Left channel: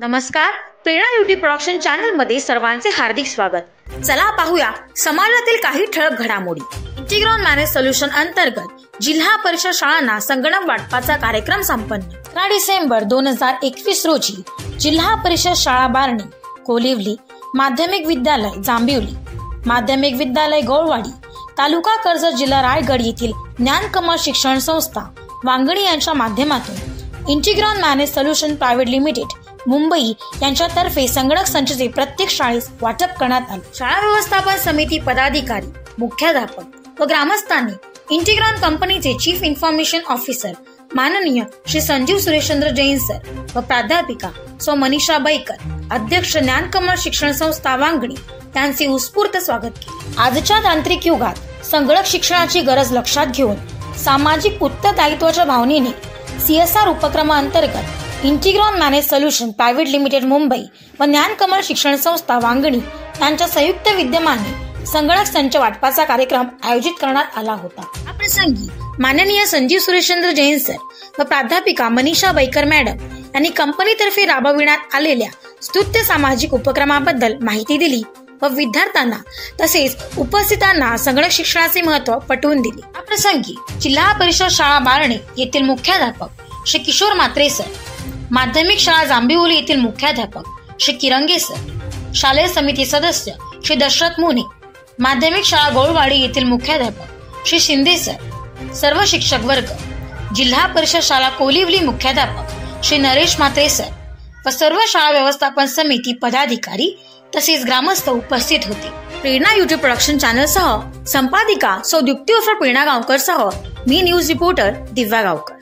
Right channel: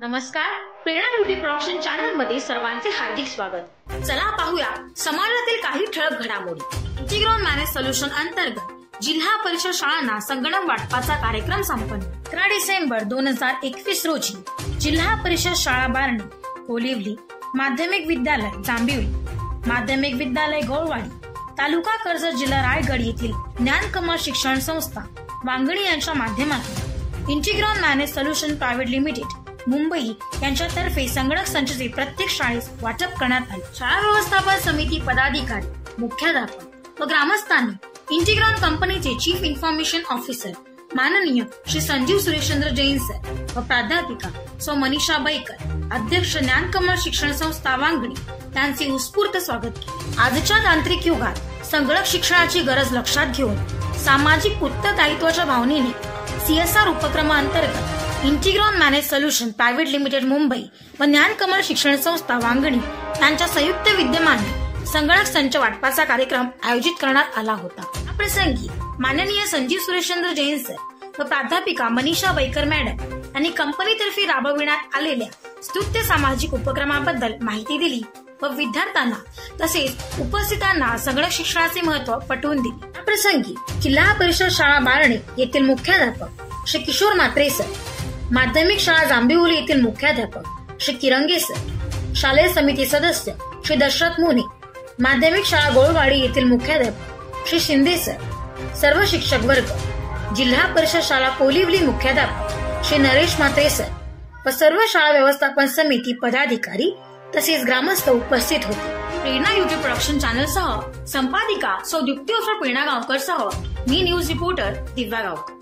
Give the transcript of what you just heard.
नमस्कार, प्रेरणा YouTube production channel मध्ये सर्वांचे हार्दिक स्वागत। चला पाहूया समाजातील काही ठळक घडामोडी। इंटिग्रॉन मॅनेज सोल्युशन अंतर्गत जिल्हा परिषद शाळांना संगणक वाटपाचा कार्यक्रम संपन्न। 11 डिसेंबर 2021 रोजी जिल्हा परिषद शाळा बारणी, कोलिवली, माध्यमिक विद्यालय जांभिवली, माध्यमिक विद्यालय गौळवाडी, तालुका कर्जत, जिल्हा रायगड येथील ज्ञानकमल शिक्षण संस्था वांगणी यांच्या माध्यमातून Integron manage solution private limited Mumbai यांच्यातर्फे संगणक संचचे प्रत्येक शाळेस वाटप करण्यात आले। शाळा व्यवस्थापन समिती पदाधिकारी, मुख्याध्यापक व ग्रामस्थांनी इंटिग्रॉन कंपनीचे चीफ इन्फॉर्मेशन ऑफिसर माननीय श्री संजीव सुरेशचंद्र जैन सर व प्राध्यापिका सौ मनीषा बैकर, अध्यक्ष ज्ञानकमल शिक्षण संस्था वांगणी यांचे उत्स्फूर्त स्वागत केले। आजच्या तांत्रिक युगात संगणक शिक्षणाची गरज लक्षात घेऊन सामाजिक उत्तरदायित्वाच्या भावनेने CSR उपक्रमांतर्गत Integron manage solution private limited Mumbai व ज्ञानकमल शिक्षण संस्था वांगणी यांच्या संयुक्त विद्यमाने संगणक संच वाटपाचा कार्यक्रम आयोजित करण्यात आला होता। या प्रसंगी माननीय संजीव सुरेशचंद्र जैन सर व प्राध्यापिका मनीषा बैकर मॅडम यांनी कंपनीतर्फे राबविण्यात आलेल्या स्तुत्य सामाजिक उपक्रमाबद्दल माहिती दिली व विद्यार्थ्यांना तसेच उपस्थितांना संगणक शिक्षणाचे महत्त्व पटवून दिले। या प्रसंगी जिल्हा परिषद शाळा बारणी येथील मुख्याध्यापक श्री किशोर म्हात्रे सर, माध्यमिक शाळा जांभिवली येथील मुख्याध्यापक श्री किरंगे सर, शालेय समिती सदस्य श्री दशरथ मुने, माध्यमिक शाळा गौळवाडी येथील मुख्याध्यापक श्री शिंदे सर, सर्व शिक्षक वर्ग, जिल्हा परिषद शाळा कोलिवली मुख्याध्यापक श्री नरेश म्हात्रे सर व सर्व शाळा व्यवस्थापन समिती पदाधिकारी तसेच ग्रामस्थ उपस्थित होते। प्रेरणा युट्यूब प्रोडक्शन चॅनल सह संपादिका सौ द्युक्ती उर्फ प्रेरणा गावकर सह मी न्यूज रिपोर्टर दिव्या गावकर।